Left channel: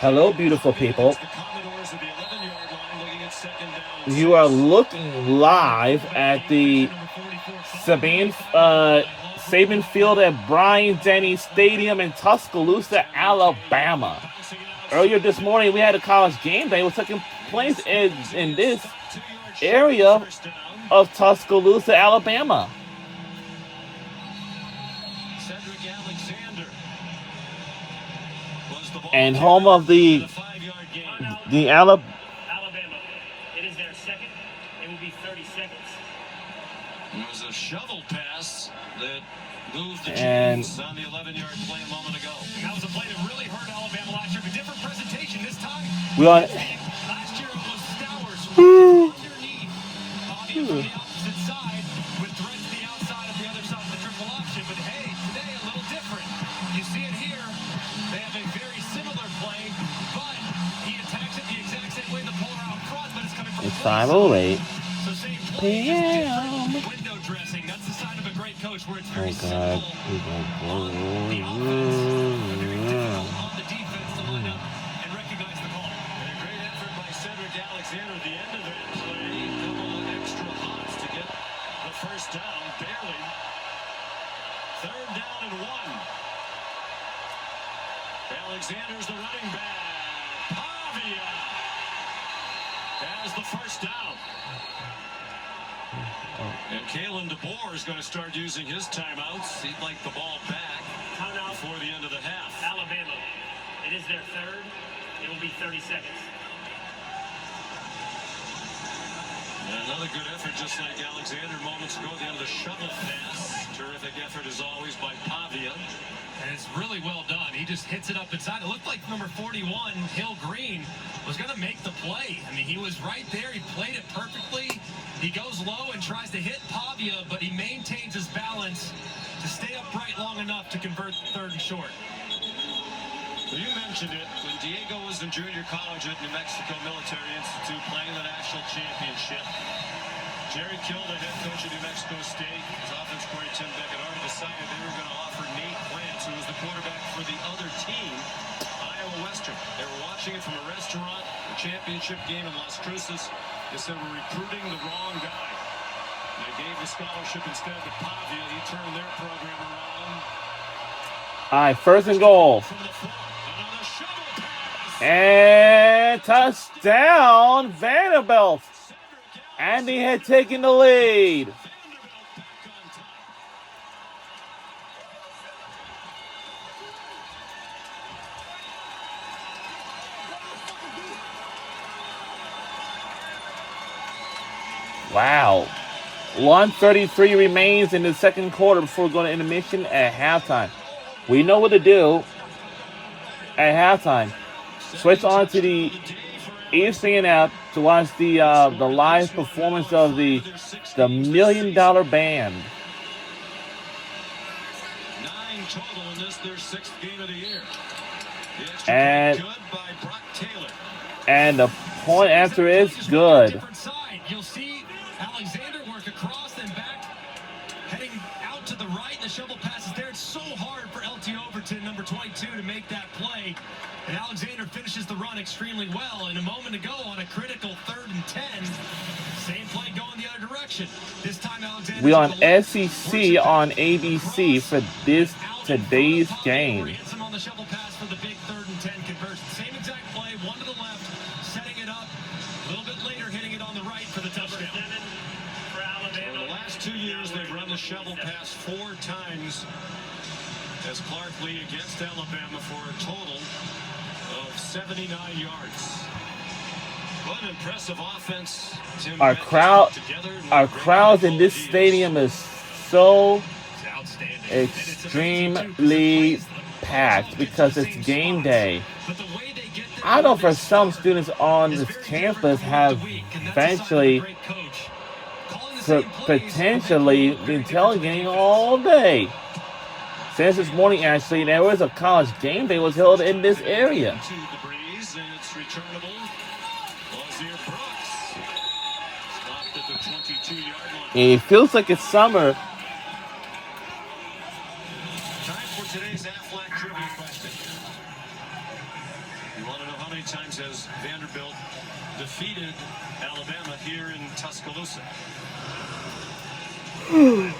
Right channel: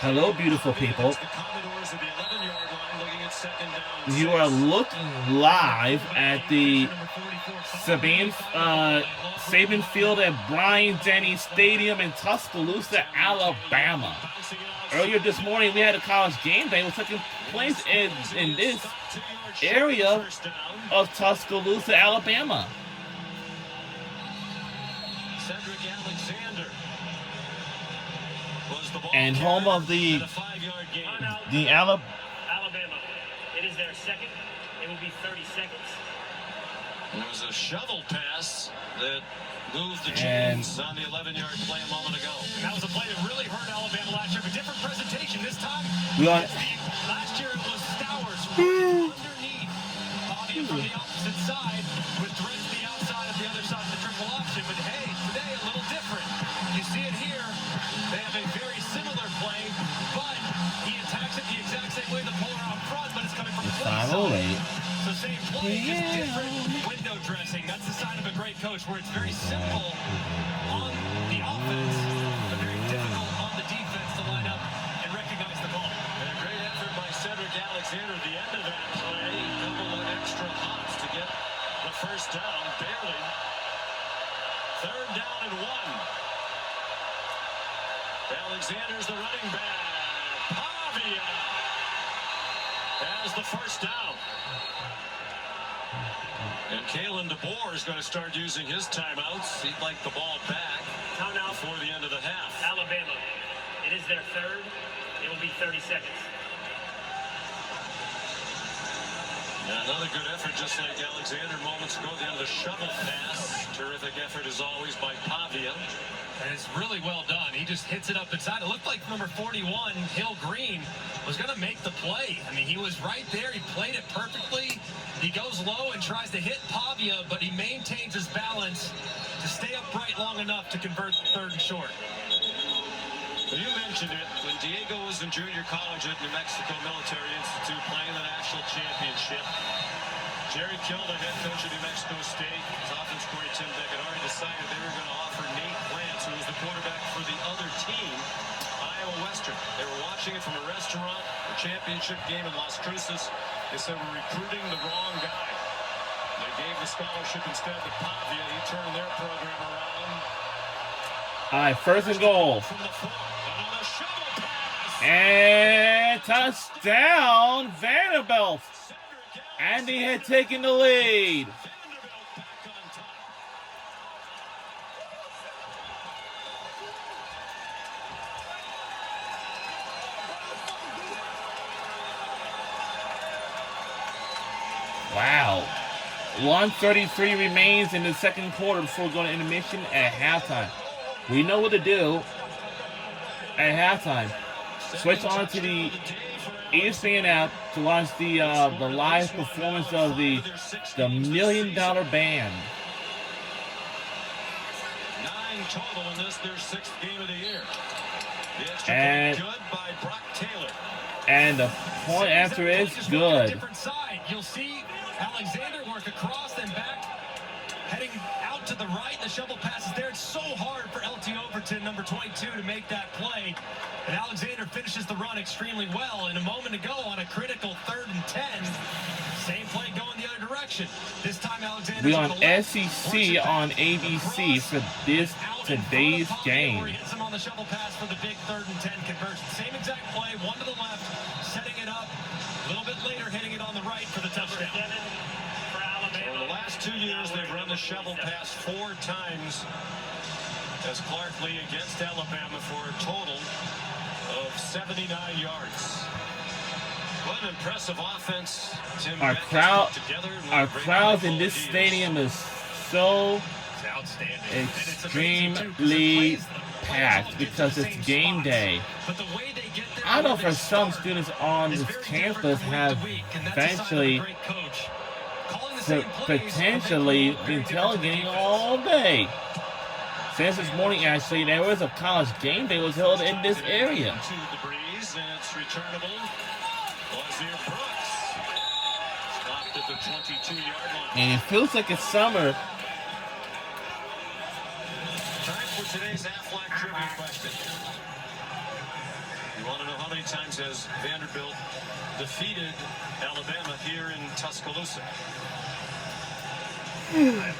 Hello, beautiful people. The Commodores at the 11-yard line, looking at second down. You are looking live at the Saban Field at Bryant-Denny Stadium in Tuscaloosa, Alabama. Earlier this morning, we had a college game day. It was taking place in this area of Tuscaloosa, Alabama. And home of the Alabama. It is their second. It will be 30 seconds. It was a shovel pass that moved the chains on the 11-yard play a moment ago. And that was a play that really hurt Alabama last year. A different presentation this time. Last year it was Stowers underneath. Bobby from the opposite side with threats to the outside of the other side of the triple option. But hey, today a little different. You see it here. They have a very similar play, but he attacks it the exact same way the polar out front, but it's coming from the finally. So same play, just different window dressing. That's the sign of a great coach where it's very simple on the offense, but very difficult on the defense to line up and recognize the ball. And a great effort by Cedric Alexander at the end of that play. A couple of extra hops to get the first down, barely. Third down and 1. Alexander's the running back. Pavia has the first down. And Kalen DeBoer is going to start using his timeouts. He'd like the ball back before the end of the half. Alabama, it is their third. It will be 30 seconds. And another good effort, just like Alexander moments ago. The end of the shovel pass. Terrific effort as always by Pavia. And it's really well done. He just hits it up inside. It looked like number 41, Hill Green, was going to make the play. I mean, he was right there. He played it perfectly. He goes low and tries to hit Pavia, but he maintains his balance to stay upright long enough to convert third and short. Well, you mentioned it. When Diego was in junior college at New Mexico Military Institute playing the national championship, Jerry Kill, the head coach of New Mexico State, his offense coordinator Tim Beck had already decided they were going to offer Nate Lance, who was the quarterback for the other team, Iowa Western. They were watching it from a restaurant, a championship game in Las Cruces. They said, we're recruiting the wrong guy. They gave the scholarship instead to Pavia. He turned their program around. All right, first and goal. And touchdown, Vanderbilt. And he had taken the lead. Wow. 1:33 remains in the second quarter before going to intermission at halftime. We know what to do at halftime. Switch on to the ESPN app to watch the live performance of the $1 Million Band. 9 total in this, their 6th game of the year. And good by Brock Taylor. And the point answer is good. Different side. You'll see Alexander work across and back, heading out to the right. The shovel passes there. It's so hard for LT Overton, number 22, to make that play. And Alexander finishes the run extremely well. And a moment ago on a critical 3rd and 10, same play going the other direction. This time Alexander. We on SEC on ABC for today's game. Hits him on the shovel pass for the big 3rd and 10 conversion. Same exact play, one to the left, setting it up. A little bit later, hitting it on the right for the touchdown. For Alabama. The last 2 years, they've run the shovel pass 4 times as Clark Lee against Alabama for a total of 79 yards. What an impressive offense. Our crowds in this stadium is so extremely packed because it's game day. I know for some students on this campus have eventually potentially been tailgating all day. Since this morning, actually, there was a college game day was held in this area. And it feels like it's summer. Time for today's Aflac trivia question. times has Vanderbilt defeated Alabama here in Tuscaloosa? A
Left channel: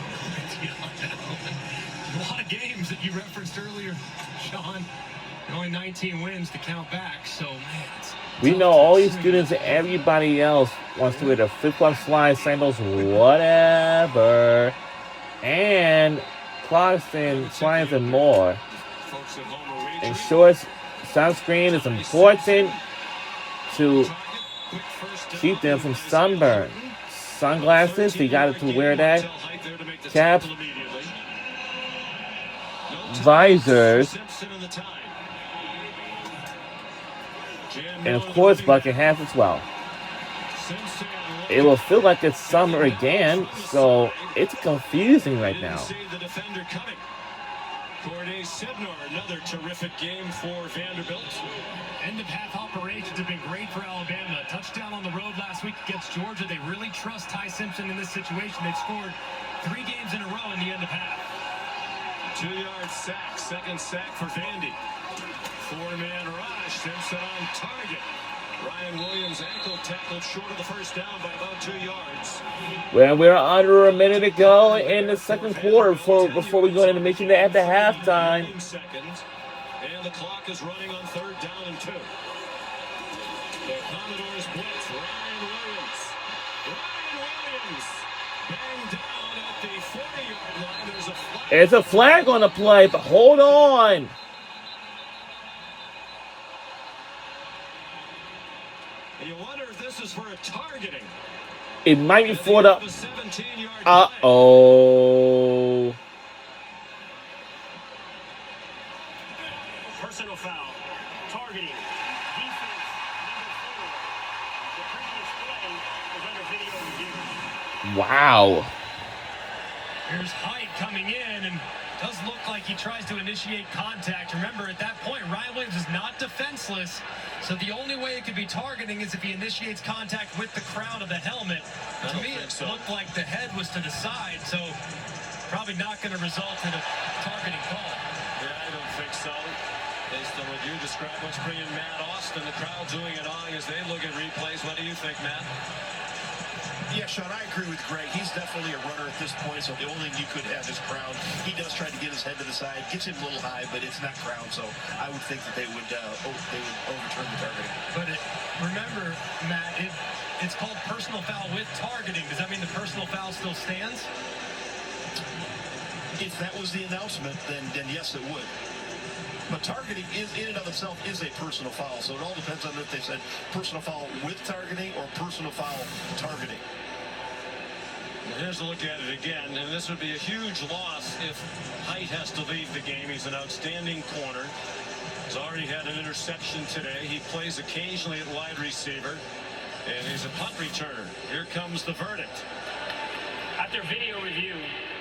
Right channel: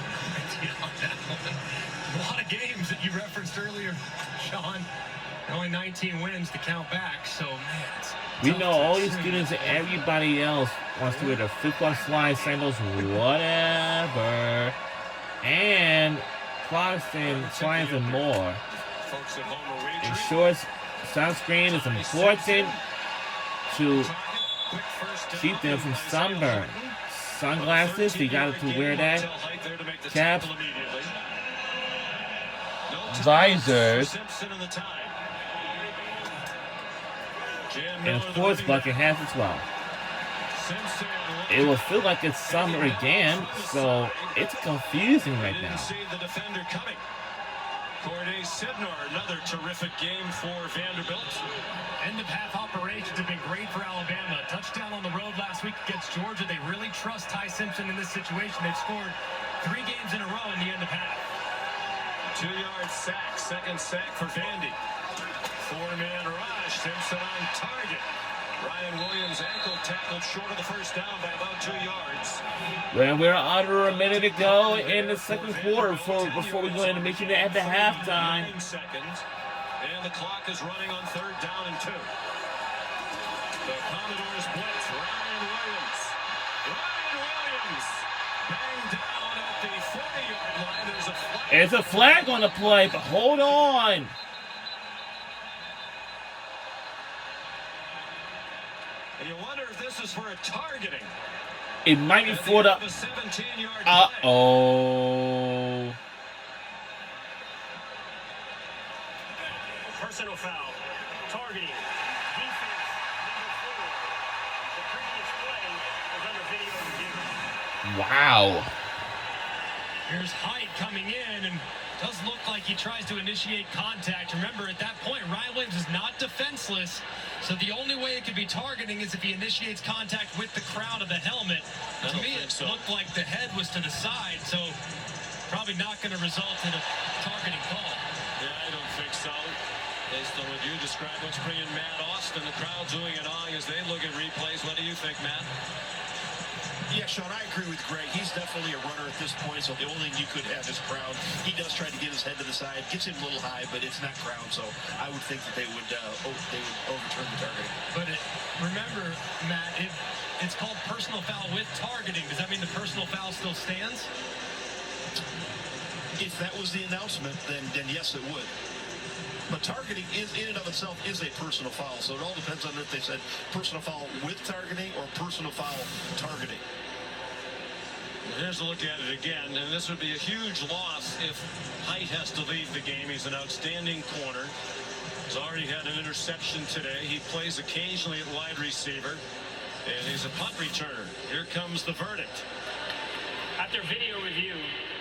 lot of games that you referenced earlier, Sean. Only 19 wins to count back, so man. We know all these students and everybody else wants to wear the flip-flop slide sandals, whatever. And clocks and slides and more. And shorts, sunscreen is important to keep them from sunburn. Sunglasses, you got to wear that. Caps, visors, and of course bucket hats as well. It will feel like it's summer again, so it's confusing right now. Another terrific game for Vanderbilt. End of half operations have been great for Alabama. Touchdown on the road last week against Georgia. They really trust Ty Simpson in this situation. They've scored 3 games in a row in the end of half. 2-yard sack, second sack for Vandy. 4-man rush, Simpson on target. Ryan Williams ankle tackled short of the first down by about 2 yards. Well, we're under a minute to go in the second quarter before we go into mission at the halftime. And the clock is running on 3rd down and 2. The Commodores blitz, Ryan Williams. Banged down at the 40-yard line. There's a flag. It's a flag on the play, but hold on. You wonder if this is for a targeting. It might be for the... Uh-oh. Personal foul. Targeting. Defense. Number 4. The previous play was under video review. Wow. Here's Height coming in, and does look like he tries to initiate contact. Remember, at that point, Ryan Williams is not defenseless, so the only way it could be targeting is if he initiates contact with the crown of the helmet. To me, it looked like the head was to the side, so probably not going to result in a targeting call. Yeah, I don't think so. Based on what you described, what's bringing Matt Austin, the crowd doing it on as they look at replays. What do you think, Matt? Yeah, Sean, I agree with Greg. He's definitely a runner at this point, so the only thing you could have is crown. He does try to get his head to the side, gets him a little high, but it's not crown, so I would think that they would overturn the targeting. But remember, Matt, it's called personal foul with targeting. Does that mean the personal foul still stands? If that was the announcement, then yes, it would. But targeting is in and of itself is a personal foul, so it all depends on if they said personal foul with targeting or personal foul targeting. Here's a look at it again, and this would be a huge loss if Height has to leave the game. He's an outstanding corner. He's already had an interception today. He plays occasionally at wide receiver, and he's a punt returner. Here comes the verdict. After video review,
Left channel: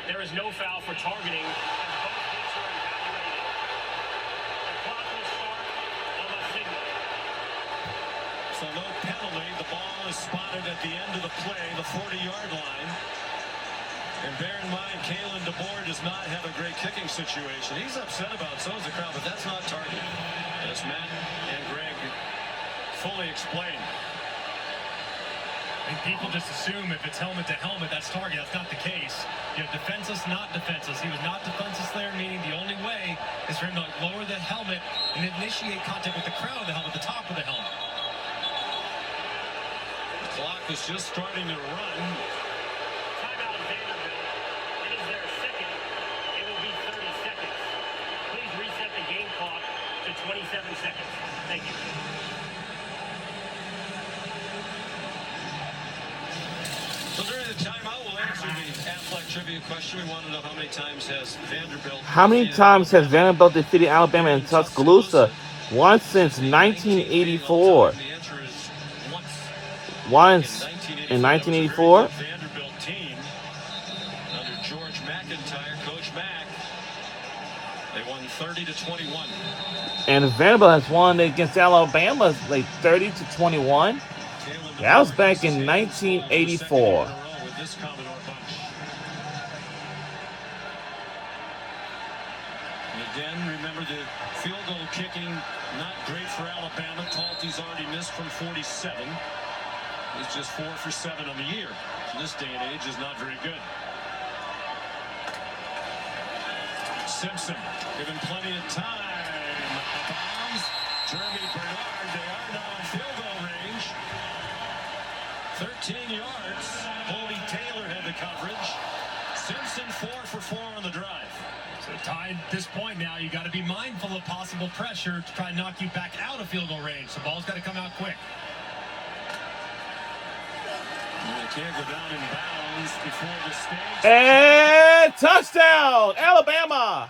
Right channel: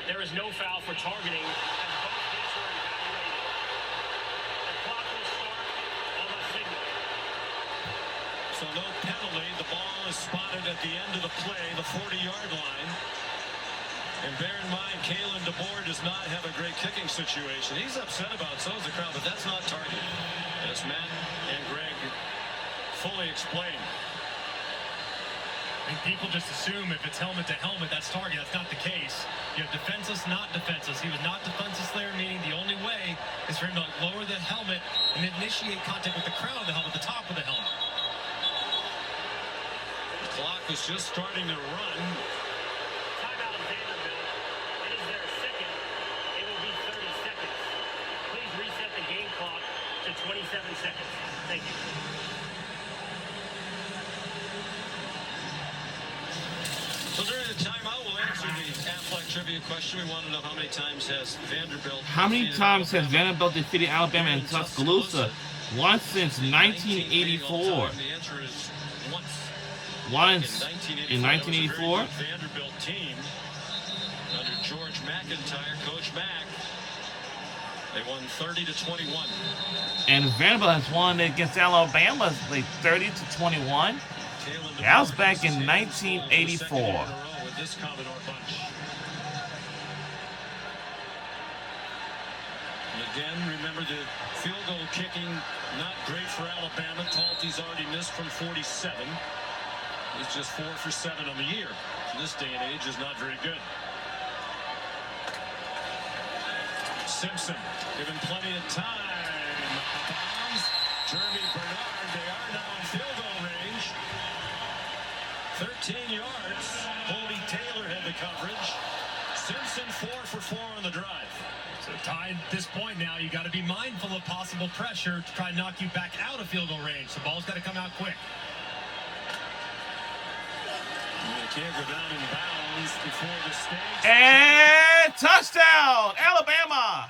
there is no foul for targeting as both hits were evaluated. The clock will start on the signal. So no penalty. The ball is spotted at the end of the play, the 40-yard line. And bear in mind, Kalen DeBoer does not have a great kicking situation. He's upset about it, so is the crowd, but that's not targeting. As Matt and Greg fully explained. I think people just assume if it's helmet to helmet, that's target. That's not the case. You have defenseless, not defenseless. He was not defenseless there, meaning the only way is for him to lower the helmet and initiate contact with the crown of the helmet, the top of the helmet. The clock is just starting to run. Timeout of Vanderbilt. It is their second. It will be 30 seconds. Please reset the game clock to 27 seconds. Thank you. So during the timeout, we'll answer the Affleck trivia question. We want to know how many times has Vanderbilt defeated Alabama in Tuscaloosa? Once since 1984. The answer is once. Once in 1984. Vanderbilt team under George McIntyre, Coach Mack. They won 30-21. And Vanderbilt has won against Alabama like 30-21. That was back in 1984. With this Commodore bunch. And again, remember the field goal kicking not great for Alabama. Talty's already missed from 47. He's just 4 for 7 on the year. In this day and age is not very good. Simpson given plenty of time. Bounds. Jeremy Bernard, they are now in field goal range. 13 yards. Colby Taylor had the coverage. Simpson 4 for 4 on the drive. So tied at this point now, you got to be mindful of possible pressure to try and knock you back out of field goal range. The ball's got to come out quick. You can't go down in bounds before the stakes. And touchdown, Alabama.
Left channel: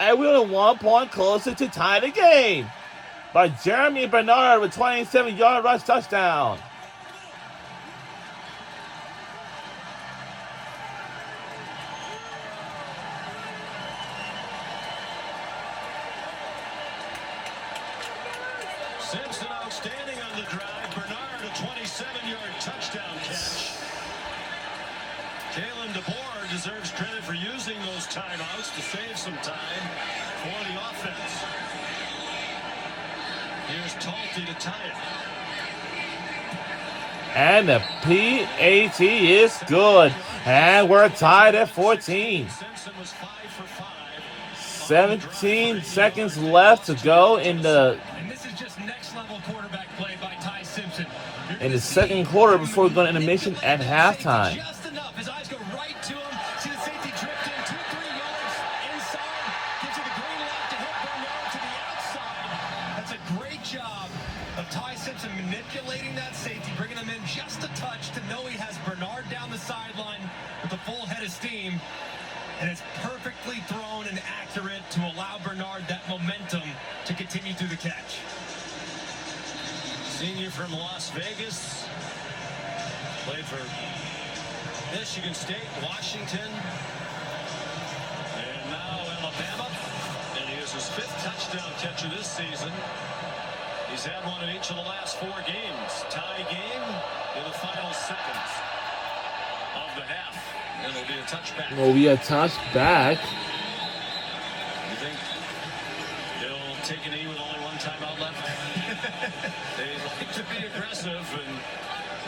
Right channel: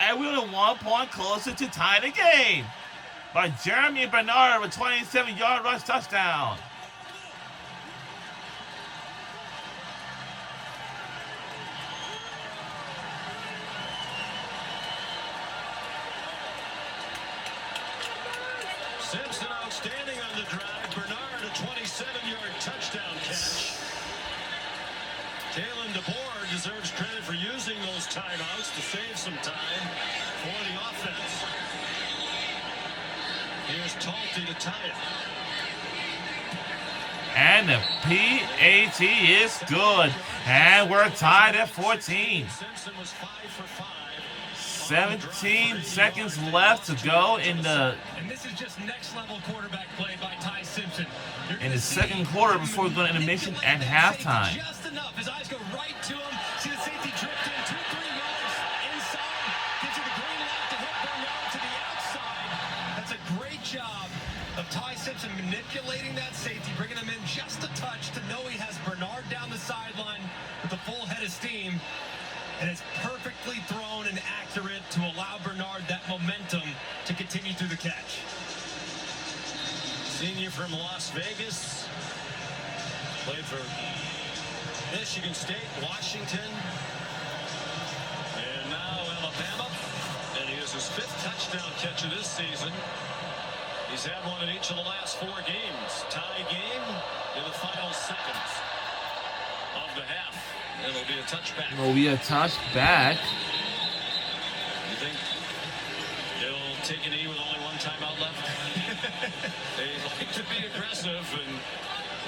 And we're 1 point closer to tie the game by Jeremy Bernard with 27-yard rush touchdown. Simpson outstanding on the drive. Bernard a 27-yard touchdown catch. Kalen DeBoer deserves credit for using those timeouts to save some time for the offense. Here's Talty to tie it. And the PAT is good. And we're tied at 14. Simpson was 5 for 5. 17 seconds left to go in the And this is just next level quarterback play by Ty Simpson. in the second quarter before we go into intermission at halftime. Just enough. His eyes go right to him. See the safety drift in 2-3 yards inside. Gives you the green light to hit Bernard to the outside. That's a great job of Ty Simpson manipulating that safety, bringing him in just a touch to know he has Bernard down the sideline with a full head of steam. And it's perfectly thrown and accurate to allow Bernard that momentum to continue through the catch. Senior from Las Vegas. Played for Michigan State, Washington, and now Alabama. And he has his 5th touchdown catch of this season. He's had one in each of the last 4 games. Tie game in the final seconds of the half. And it'll be a touchback. Will be a touchback. You think he'll take a knee with only 1 timeout left? They like to be aggressive, and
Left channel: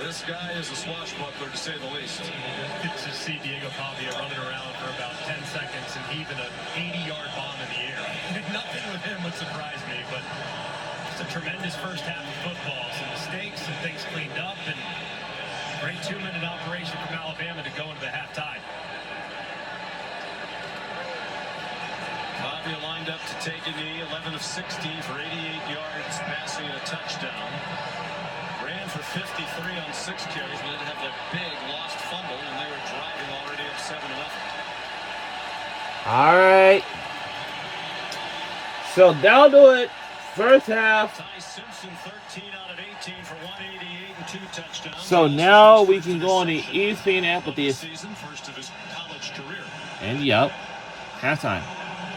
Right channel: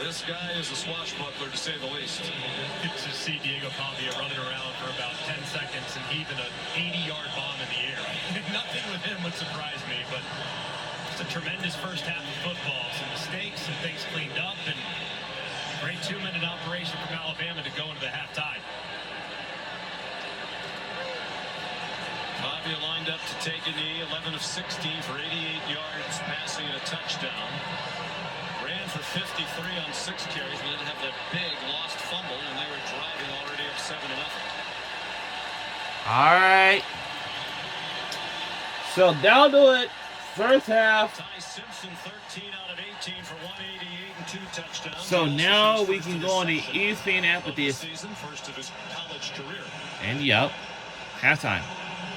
this guy is a swashbuckler to say the least. To see Diego Pavia running around for about 10 seconds and heaving an 80-yard bomb in the air. Nothing with him would surprise me, but it's a tremendous first half of football. Some mistakes and things cleaned up, and great 2-minute operation from Alabama to go into the halftime. Pavia lined up to take a knee, 11 of 16 for 88 yards, passing and a touchdown. Ran for 53 on 6 carries, but didn't have that big lost fumble, and they were driving already up 7-0. All right. So that'll do it. First half. Ty Simpson, 13 out of 18 for 188 and 2 touchdowns. So now we can go on the ESPN app with this. Season, first of his college career. And yup, halftime.